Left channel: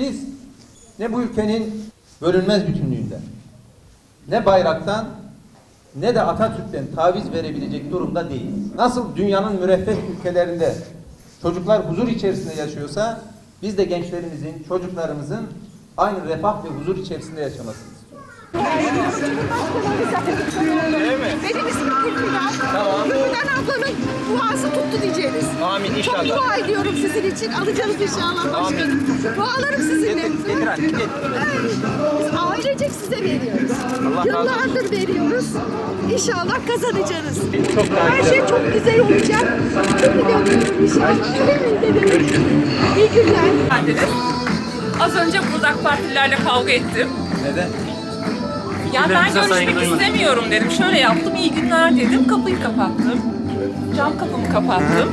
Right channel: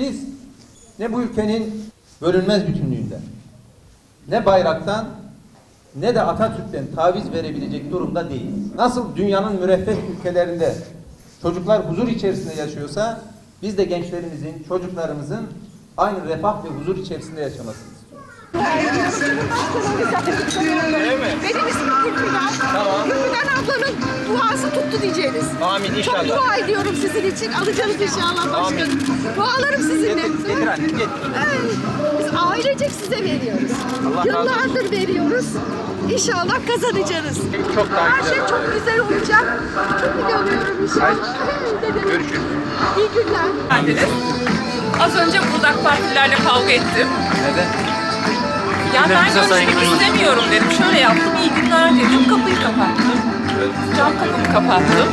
Biz ne bu ülkenin bölünmez bütünlüğünden, ne bayraktan, ne de Atatürk'ten taviz verebilecek durumda değiliz. Nasıl dünyanın müreffeh ülkelerinde çocuklar huzur içerisinde yaşıyorsa, biz de gençlerimizin, çocuklarımızın aynı refah ve huzur içerisinde yaşamasını istiyoruz. Benim ismim Gülfidan. Tamam. Gülfidan ablanın duası tuttu diyeceğiniz. Amin inşallah. Çok dua ediyorum sizin için. Alacağınız inşallah başkanım. Dualarım sizinle. Getir, getir anne, getir. Ay, Biz ailecek size veriyoruz. Allah. Yıllardır veriyoruz. İnşallah kazanacaksınız. Her şey çok güzel olacak. Çok iyi inşallah. İyi günler. Az önce burada AK Partililerle kavga ettim. Neden? Ya ben görüşmek istemiyorum dedim. Şöyle yaptım, iyi günler dedim. Kapıyı kapattım. Cam kapımı kapattım.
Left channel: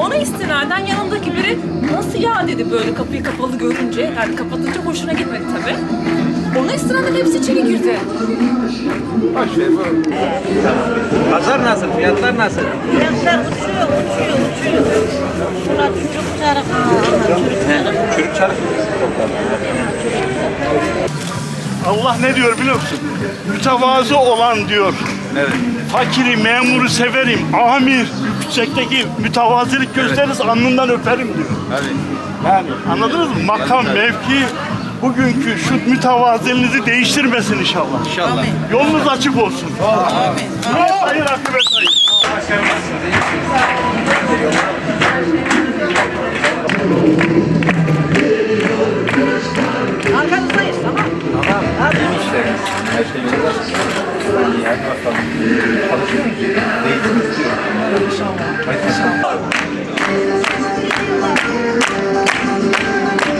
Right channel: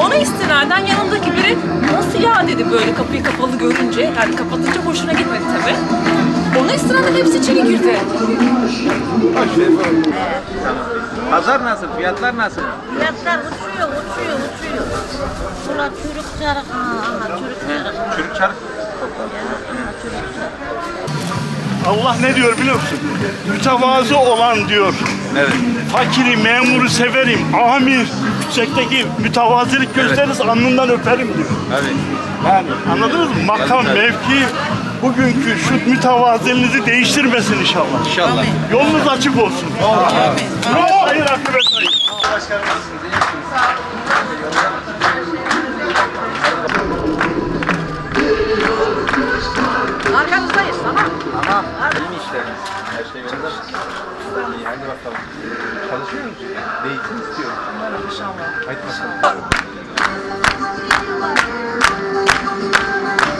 Ona istinaden yanımdaki biri nasıl ya dedi böyle kapıyı kapalı görünce. Yani kapatınca hoşuna gitmedi tabii. Ona istinaden hepsi içeri girdi. Pazar nasıl? Fiyatlar nasıl? Çürük çarık. Allah ne diyor biliyor musun? Mütevazı olan diyor. Evet. Fakiri, memuru severim. Amir, yüksekteki mütevazilik gösteririz alnından öperim diyor. Evet. Yani anladınız mı? Makam, Evet, evet. mevki bugünkü şu mütevaziliğinizi değiştirmesin inşallah. İnşallah. Yolunuz açık olsun. Amin. Hayır akıbet hayır. Her şey